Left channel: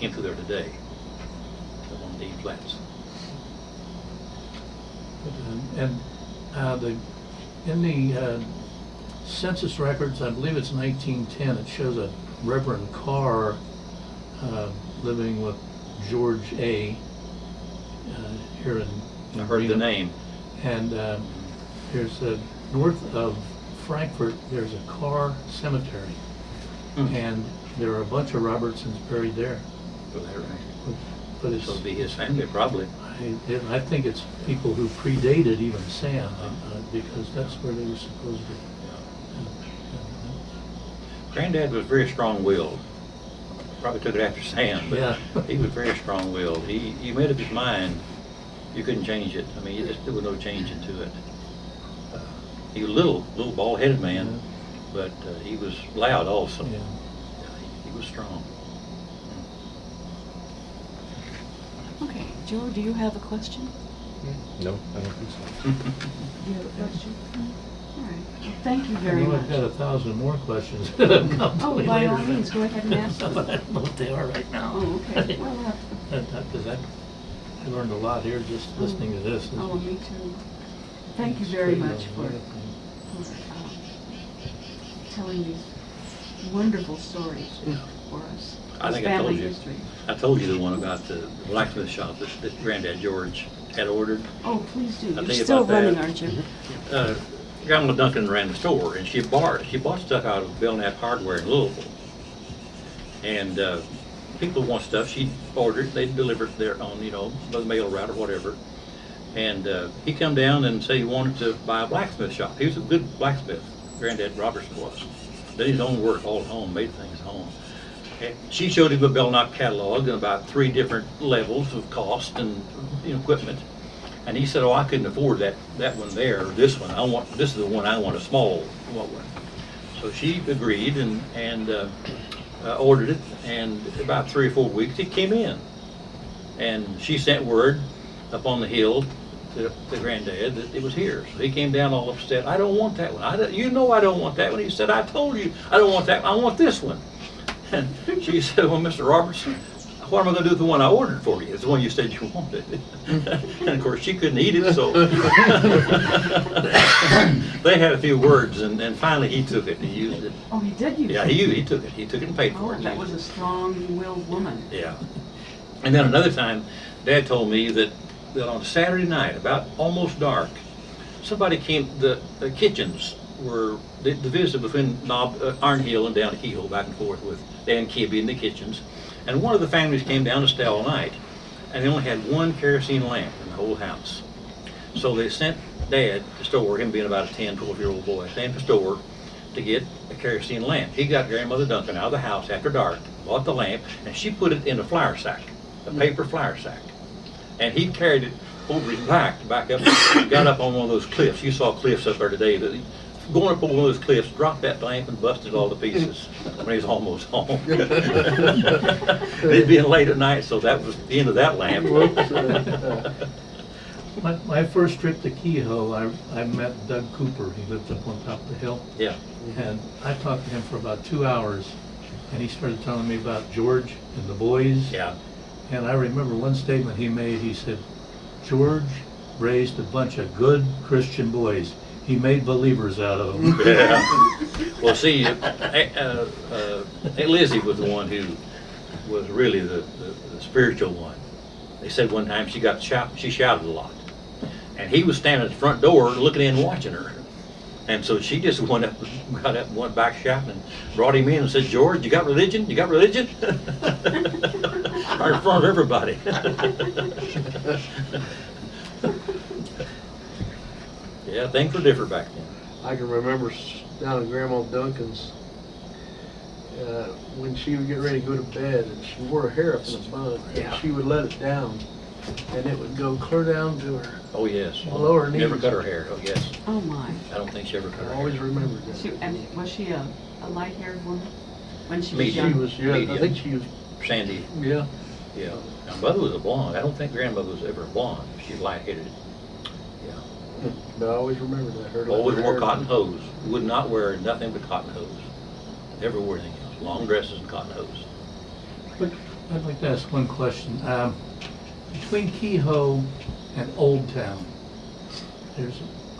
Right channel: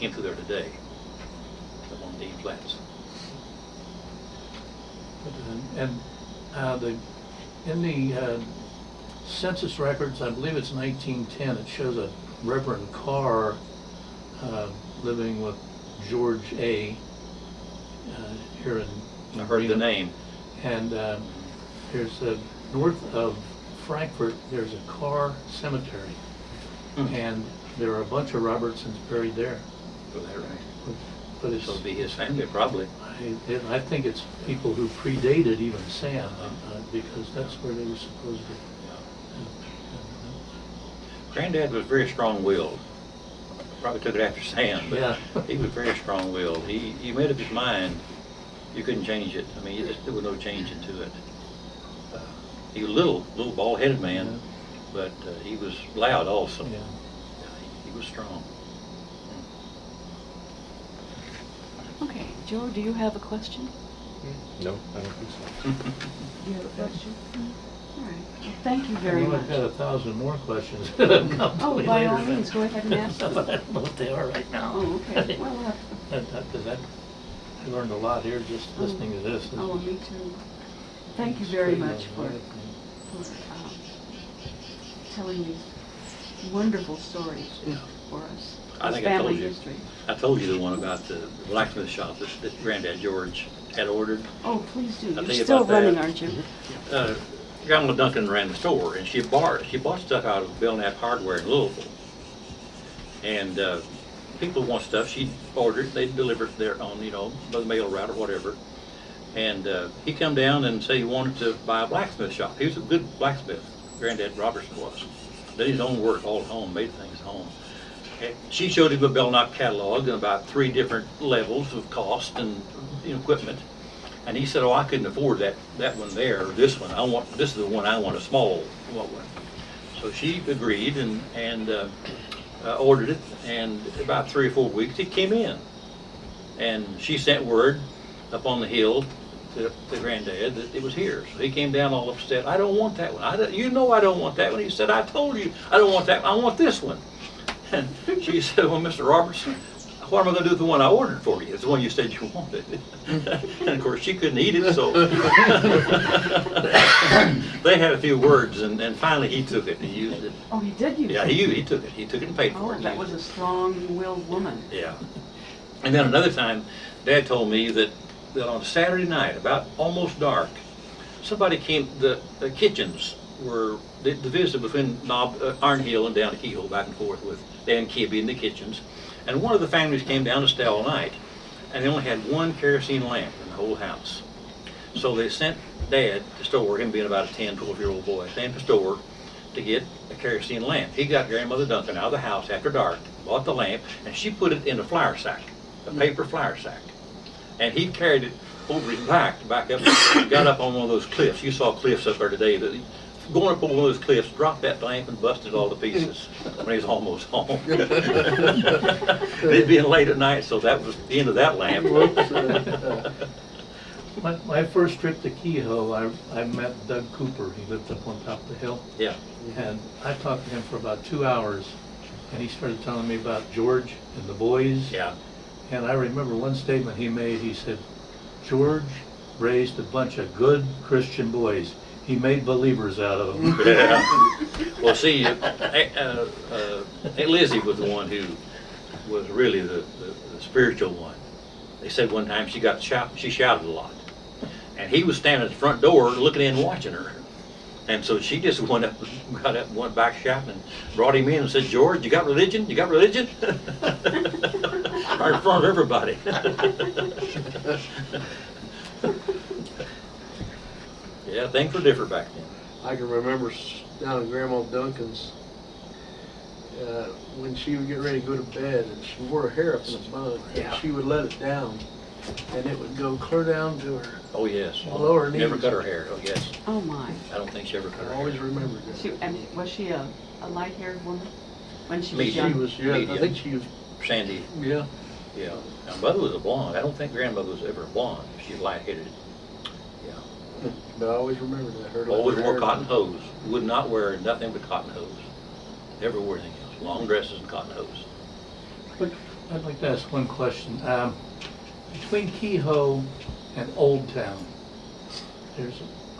Came through there today. On the flats. And in the census records, I believe it's 1910, it shows a Reverend Carr living with George A. Here in I heard the name. And there's north of Frankfort, there's a Carr cemetery. And there are a bunch of Robertsons buried there. Go there, right? But it's, So it'll be his family, probably. I think it's people who predated even Sam, because that's where they were supposed to. Granddad was very strong-willed. Probably took it after Sam, but Yeah. he was very strong-willed. He made up his mind. You couldn't change it. I mean, there was no change into it. He was a little bald-headed man, Yeah. but he was loud also. Yeah. He was strong. Okay, Joe, do you have a question? No, I don't think so. Do you have a question? All right. Well, thank you very Well, much. I've got 1,000 more questions. Oh, by all means, go ahead and ask them. But I don't know what they are right now. Oh, okay. Well, Because I learned a lot here just listening to this. oh, me too. Thank you very much for telling these wonderful stories for us. I think Family I told you. history. I told you the one about the blacksmith shop that Granddad George had ordered. Oh, please do. I'll You're tell you still about that. running, aren't you? Grandma Duncan ran the store, and she bought stuff out of Belknap Hardware in Louisville. And people want stuff, she'd order it, they'd deliver it their own, by the mail route or whatever. And he come down and say he wanted to buy a blacksmith shop. He was a good blacksmith, Granddad Robertson was. Did his own work all at home, made things at home. And she showed him a Belknap catalog and about 3 different levels of cost and equipment. And he said, "Oh, I couldn't afford that one there, or this one. This is the one I want, a small one." So she agreed and ordered it, and about 3 or 4 weeks it came in. And she sent word up on the hill to Granddad that it was here. So he came down all upset. "I don't want that one. I don't want that one." He said, "I told you I don't want that one. I want this one." And she said, "Well, Mr. Robertson, what am I going to do with the one I ordered for you? It's the one you said you wanted." And of course, she couldn't eat it, so they had a few words, and finally he took it and used it. Oh, he did use it? Yeah, he took it. He took it and paid for Oh, it. that was a strong-willed woman. Yeah. And then another time, Dad told me that on Saturday night, about almost dark, somebody came, the kitchens were, the visit between Iron Hill and down to Keyhole, back and forth with Dan Kibby in the kitchens. And one of the families came down to stay all night, and they only had one kerosene lamp in the whole house. So they sent Dad to store, him being about a 10, 12-year-old boy, sent him to store to get a kerosene lamp. He got Grandmother Duncan out of the house after dark, bought the lamp, and she put it in a flour sack, a paper flour sack. And he carried it over his back up, got up on one of those cliffs. You saw cliffs up there today. Going up on one of those cliffs, dropped that lamp and busted all to pieces when he was almost home. It being late at night, so that was the end of that lamp. My first trip to Kehoe, I met Doug Cooper. He lived up on top of the hill. Yeah. And I talked to him for about 2 hours, and he started telling me about George and the boys. Yeah. And I remember one statement he made. He said, "George raised a bunch of good Christian boys. He made believers out of them." Yeah. Well, see, Lizzie was the one who was really the spiritual one. They said one time she shouted a lot. And he was standing at the front door looking in and watching her. And so she just got up and went back shouting and brought him in and said, "George, you got religion? You got religion?" Right in front of everybody. Yeah, things were different back then. I can remember down at Grandma Duncan's when she would get ready to go to bed, and she wore her hair up in a bun, and she would let it down, and it would go clear down to her. Oh, yes. Below her Never knees. cut her hair. Oh, yes. Oh, my. I don't think she ever cut her I hair. always remembered that. Was she a light-haired woman when she was Medium. young? She was, yeah, I Medium. think she was, Sandy. yeah. Yeah. Now, Mother was a blonde. I don't think Grandmother was ever a blonde. She's light-headed. Yeah. But I always remembered that. Her Always her wore hair- cotton hose. Would not wear nothing but cotton hose. Never wore anything else. Long dresses and cotton hose. I'd like to ask one question. Between Kehoe and Old Town,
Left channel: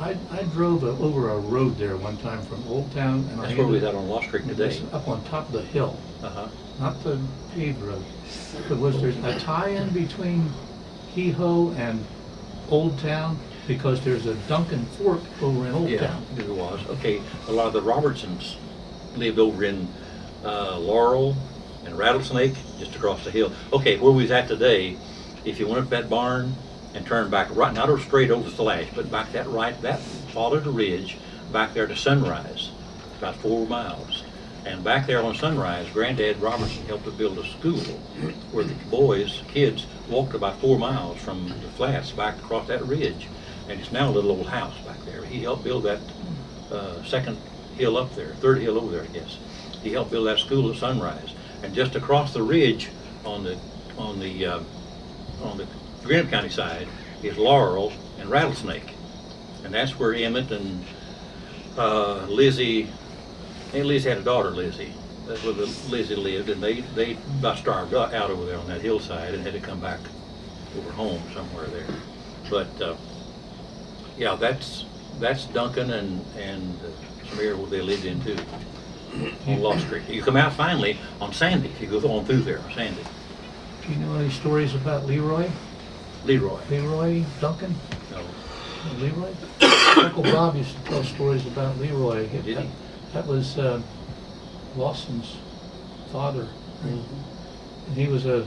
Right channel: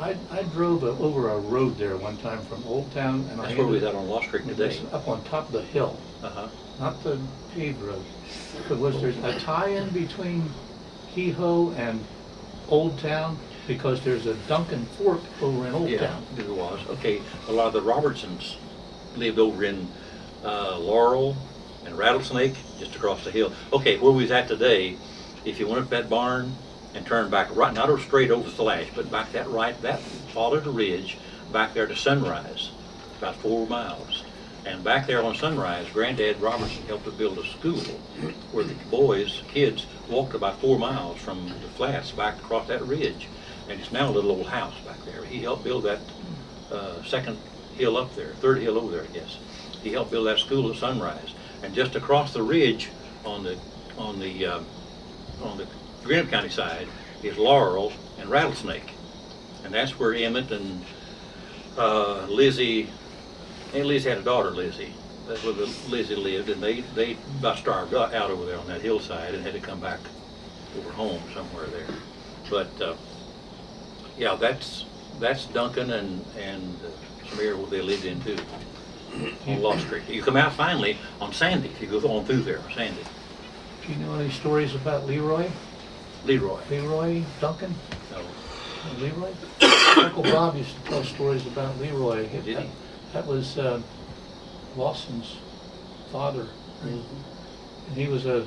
I drove over a road there one time from Old Town, and That's where we was out on Lost Creek today. up on top of the hill, Uh-huh. not the paved road. But was there a tie-in between Kehoe and Old Town? Because there's a Duncan Fork over in Old Yeah, Town. there was. Okay, a lot of the Robertsons lived over in Laurel and Rattlesnake, just across the hill. Okay, where we was at today, if you went up that barn and turned back right, not straight over Slash, but back that right, that followed the ridge, back there to Sunrise, about 4 miles. And back there on Sunrise, Granddad Robertson helped to build a school where the kids, walked about 4 miles from the flats back across that ridge. And it's now a little old house back there. He helped build that second hill up there, third hill over there, I guess. He helped build that school at Sunrise. And just across the ridge on the Greenup County side is Laurel and Rattlesnake. And that's where Emmett and Lizzie, and Lizzie had a daughter, Lizzie. That's where Lizzie lived, and they about starved out over there on that hillside and had to come back over home somewhere there. But yeah, that's Duncan and some area where they lived in too, on Lost Creek. You come out finally on Sandy, if you go on through there, Sandy. Do you know any stories about Leroy? Leroy Duncan? No. Leroy? Uncle Bob used to tell stories about Leroy. Did he? That was Lawson's father. Mhm. And he was a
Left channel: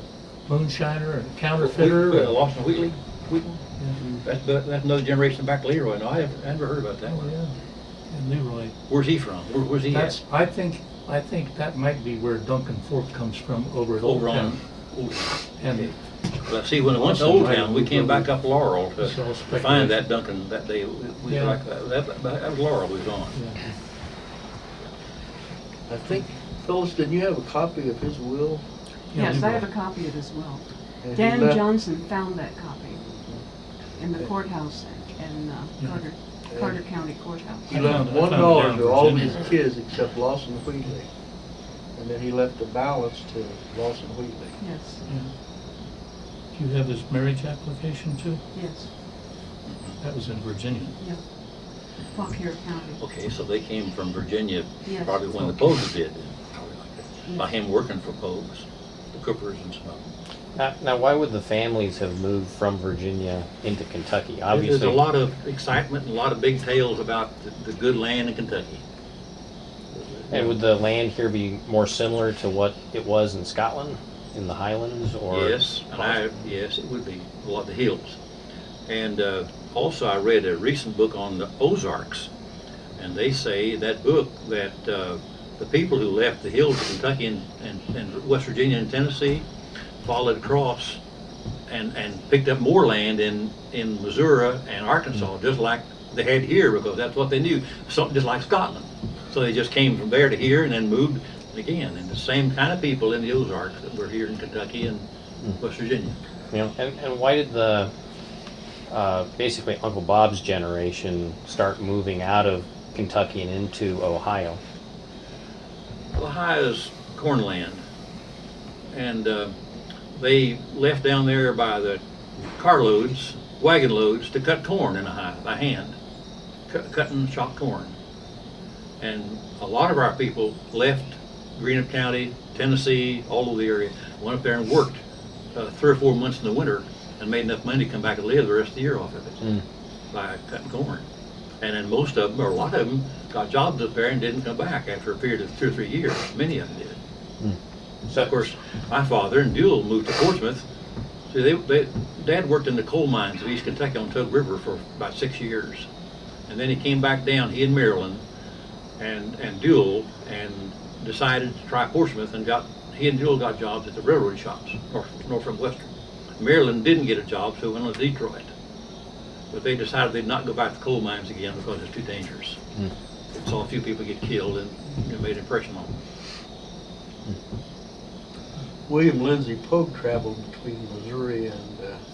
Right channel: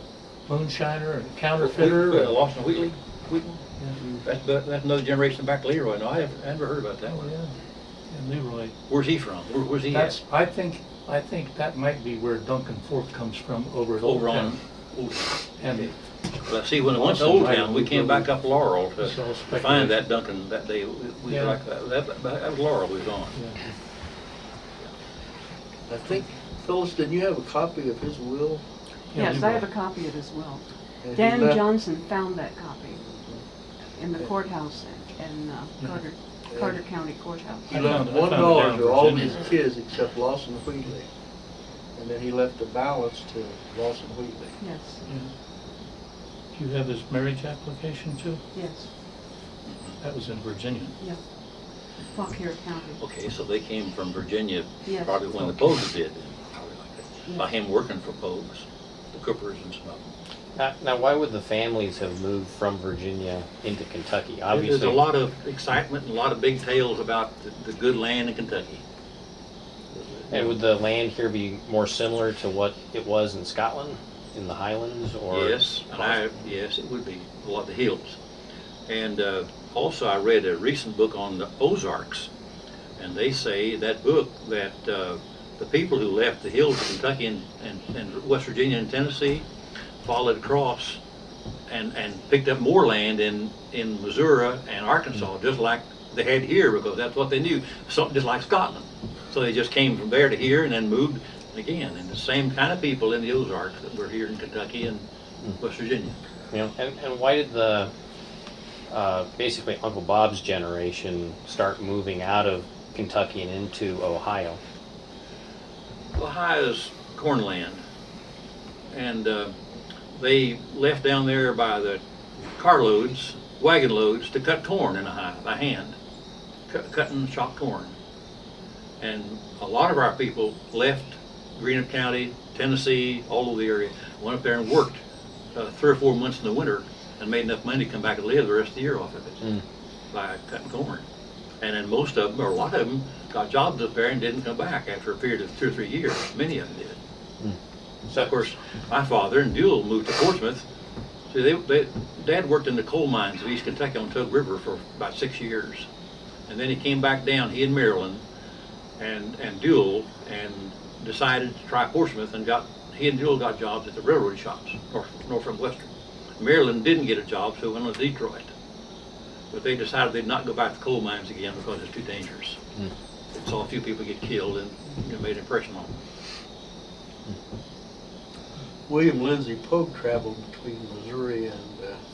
moonshiner and counterfeiter. Lawson Wheatley? Wheatley? Yeah. That's another generation back to Leroy. No, I never heard about that Oh, one. yeah. And Leroy. Where's he from? Where's he That's, at? I think that might be where Duncan Fork comes from over at Old Over Town. on Old Town. And Well, see, when it went to Lawson, Old right, Town, we came back up Laurel to It's all speculation. find that Duncan that day. We Yeah. like that was Laurel we was on. yeah. I think, Phyllis, didn't you have a copy of his will? Yeah, Yes, I have a Leroy. copy of his will. And he Dan left- Johnson found that copy in the courthouse in Carter County Courthouse. He I left found it down $1 in to all Virginia. his kids except Lawson Wheatley. And then he left the balance to Lawson Wheatley. Yes, Do you have his marriage application too? yes, That was in Virginia. yeah. Fauquier County. Okay, so they came from Virginia, Yes. probably when the Poages did, by him working for Poages, the Coopers and stuff. Now, why would the families have moved from Virginia into Kentucky? There's Obviously, a lot of excitement and a lot of big tales about the good land in Kentucky. and would the land here be more similar to what it was in Scotland, in the Highlands, or? Yes, yes, it would be, a lot of the hills. And also I read a recent book on the Ozarks, and they say that book that the people who left the hills of Kentucky and West Virginia and Tennessee followed across and picked up more land in Missouri and Arkansas, just like they had here, because that's what they knew, something just like Scotland. So they just came from there to here and then moved again. And the same kind of people in the Ozarks that were here in Kentucky and West Virginia. You know, and why did the basically Uncle Bob's generation start moving out of Kentucky and into Ohio? Ohio's cornland, and they left down there by the carloads, wagon loads, to cut corn in Ohio by hand, cutting shock corn. And a lot of our people left Greenup County, Tennessee, all over the area, went up there and worked 3 or 4 months in the winter and made enough money to come back and live the rest of the year off of it by cutting corn. And then most of them, or a lot of them, got jobs up there and didn't come back after a period of 2 or 3 years. Many of them did. So, of course, my father and Duell moved to Portsmouth. See, Dad worked in the coal mines of East Kentucky on Tug River for about 6 years. And then he came back down, he in Maryland, and Duell, and decided to try Portsmouth, and he and Duell got jobs at the railroad shops, Norfolk Western. Maryland didn't get a job, so went on to Detroit. But they decided they'd not go back to coal mines again because it's too dangerous. Saw a few people get killed, and it made an impression on them. William Lindsay Pogue traveled between Missouri and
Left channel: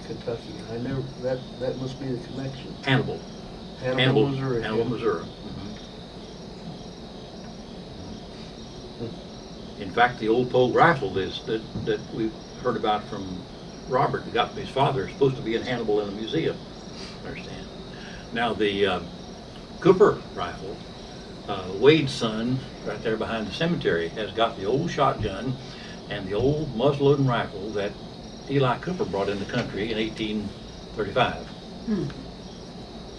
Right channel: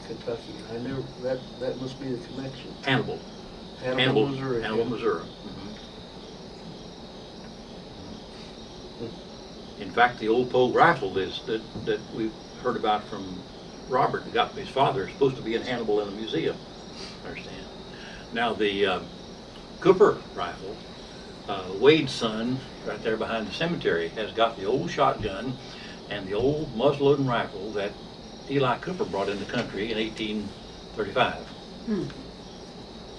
Kentucky. I never, that must be the connection. Hannibal, Missouri. Hannibal, yeah. Missouri. In fact, the old Pogue rifle that we've heard about from Robert, who got his father, is supposed to be in Hannibal in a museum, understand. Now the Cooper rifle, Wade's son, right there behind the cemetery, has got the old shotgun and the old muzzle-loading rifle that Eli Cooper brought in the country in 1835.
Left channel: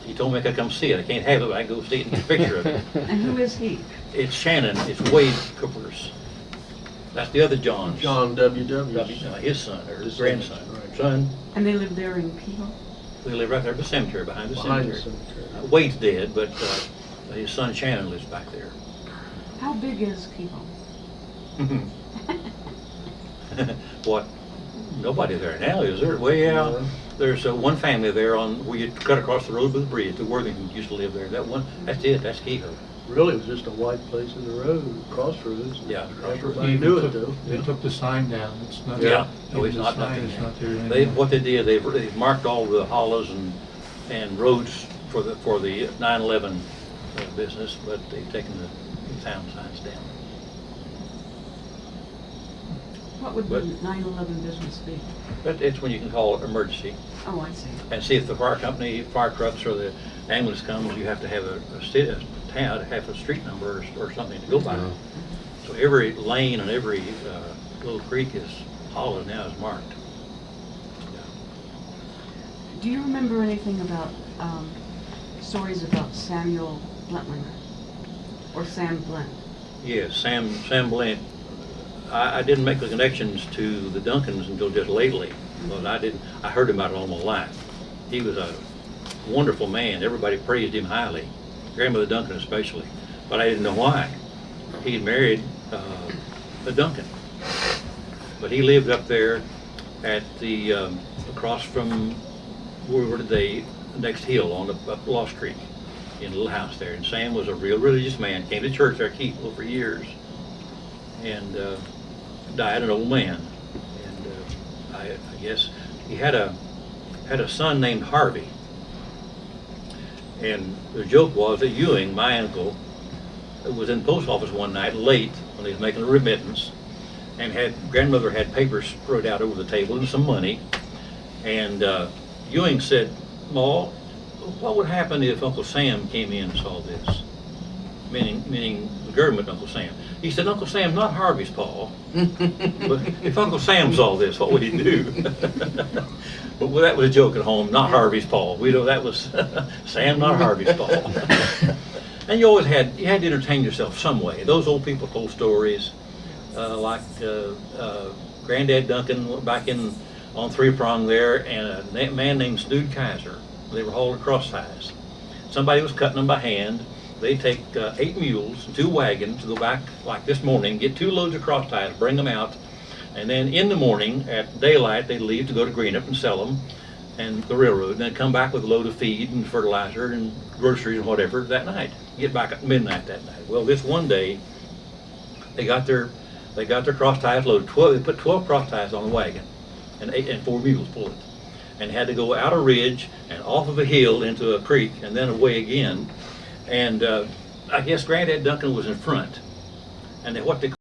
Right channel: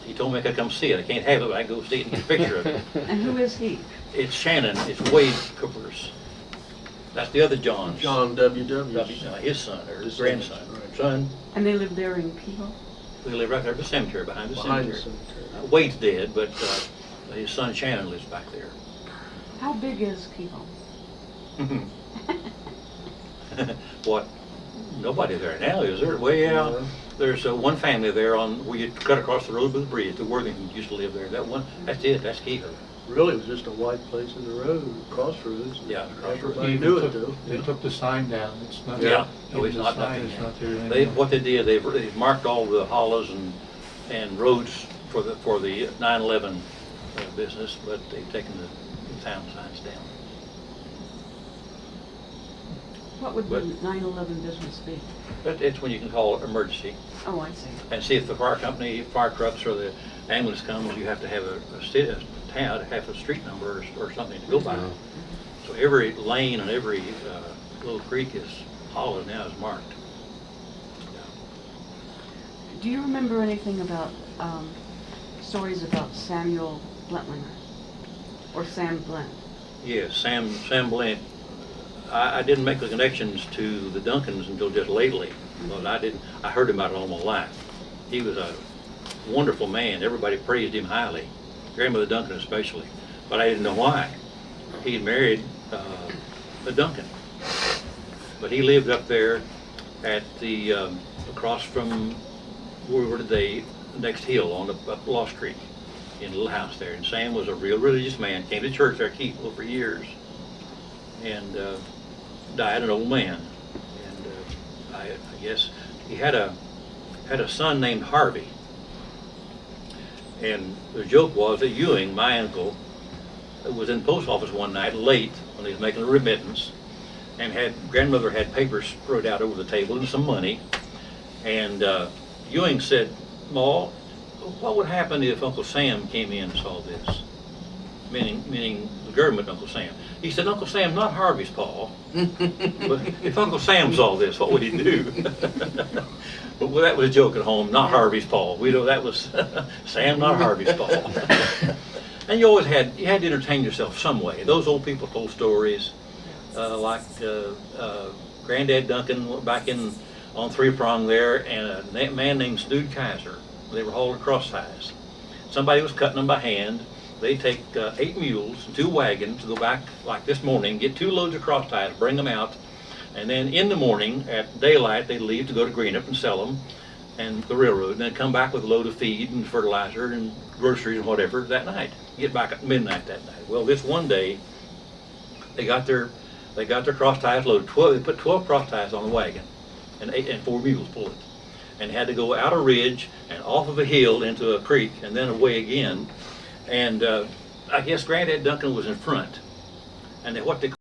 He told me I could come see it. I can't have it, but I can go see it and get a picture of it. And who is he? It's Shannon, it's Wade Cooper's. That's the other John's. John W.W. His son, or his His grandson. son, right. Son, And they live there in Kehoe? we live right there at the cemetery, behind the Behind the cemetery. cemetery. Wade's dead, but his son Shannon lives back there. How big is Kehoe? What? Nobody there now, is there? Way out. Yeah. There's one family there on where you cut across the road with the bridge. The Worthingtons used to live there. That one, that's it. That's Kehoe. Really, it was just a white place in the road, crossroads. Yeah, Everybody Even knew it took- though. They took the sign down, it's not. Yeah. No, even it's the not sign nothing is now. not there anymore. They what they did, they've marked all the hollows and roads for the 9/11 business, but they've taken the town signs down. What would But- the 9/11 business be? But it's when you can call it emergency Oh, I see. and see if the fire company, fire trucks, or the ambulance comes. You have to have a town, have a street number or something to go by. So every lane and every little creek is hollow now is marked. Do you remember anything about stories about Samuel Blentlinger? Or Sam Blent? Yes, Sam Blent. I didn't make the connections to the Duncans until just lately, but I heard about it all my life. He was a wonderful man. Everybody praised him highly, Grandmother Duncan especially, but I didn't know why. He had married a Duncan, but he lived up there at the across from where were they next hill on up Lost Creek in a little house there. And Sam was a real religious man. Came to church there at Keeple for years, and died an old man. And I guess he had a son named Harvey. And the joke was that Ewing, my uncle, was in the post office one night late when he was making a remittance, and grandmother had papers spread out over the table and some money. And Ewing said, "Ma, what would happen if Uncle Sam came in and saw this?" Meaning the government, Uncle Sam. He said, "Uncle Sam, not Harvey's Paul. But if Uncle Sam saw this, what would he do?" But that was a joke at home, not Harvey's Paul. We know that was Sam, not Harvey's Paul. And you always had to entertain yourself some way. Those old people told stories, like Granddad Duncan back on Three Prong there, and a man named Snood Kiser. They were hauling cross ties. Somebody was cutting them by hand. They take 8 mules and 2 wagons to go back like this morning, get 2 loads of cross ties, bring them out, and then in the morning at daylight they'd leave to go to Greenup and sell them, and the railroad, and then come back with a load of feed and fertilizer and groceries and whatever that night. Get back at midnight that night. Well, this one day they got their cross ties loaded. They put 12 cross ties on the wagon, and 4 mules pulled it, and had to go out a ridge and off of a hill into a creek and then away again. And I guess Granddad Duncan was in front, and what they